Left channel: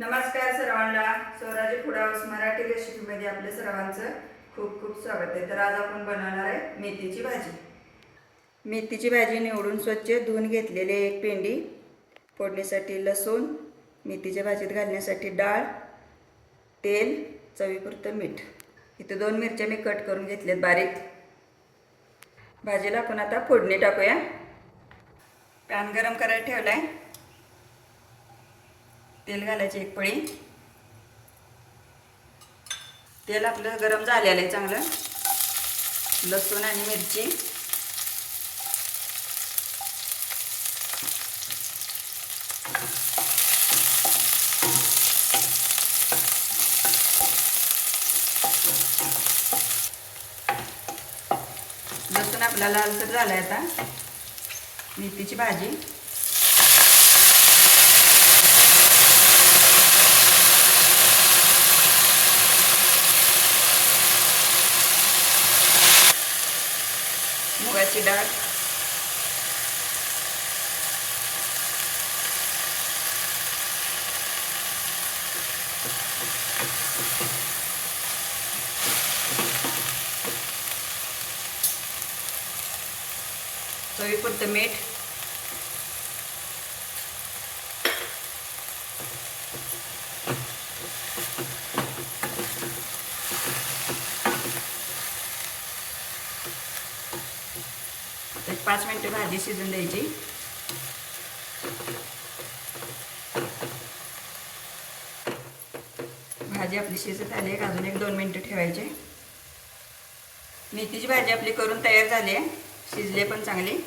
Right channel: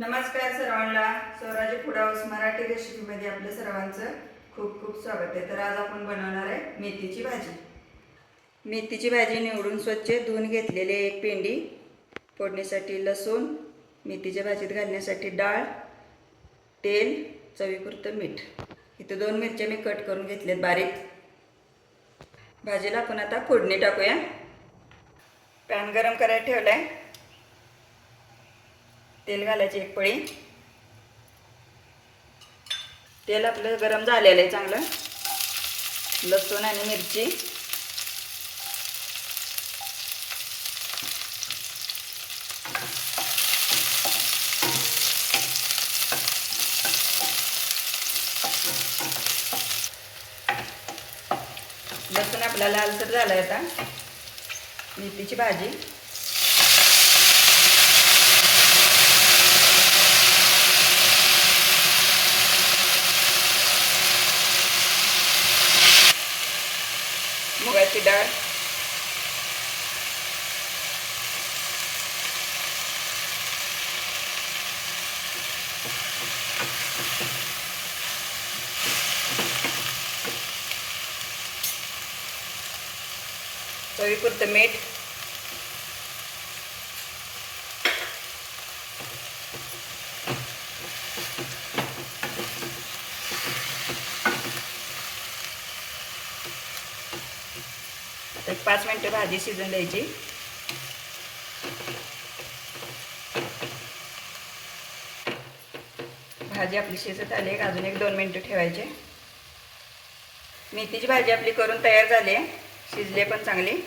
नमस्कार सर्वांना. स्वराज्य फूड हाऊस मराठी रेसिपीमध्ये आपल्या सर्वांचं खूप खूप स्वागत आहे. तर आज आपण बनवणार आहे मेथीची भाजी. मेथीची भाजी निवडून स्वच्छ धुवून घेतलेले एक पेंडी, फोडणीसाठी लसूण, मेथीच्या भाजीत घालण्यासाठी डाळ, तेल, चवीपुरतं मीठ. इथे 2 मिरच्या मी कट करून घेतल्यात बारीक. भाजीला आपण आता फोडणी टाकूया. पॅन गरम करायला ठेवला आहे. तेल घालायची एक पळी. तेल आपलं गरम झालेलं आहे चांगलं. लसूण आणि मिरची, लसूण आपला लालसर झाला आहे. आता मेथीची भाजी, मुगाची डाळ, चवीपुरतं मीठ, एक 5 मिनिटं भाजी शिजून द्यायची. भाजी आपली शिजत आली आहे. अजून एक 2 मिनिटं ठेवायचे. मेथीची भाजी आपली करून तयार झाली आहे. शिजली पण चांगली.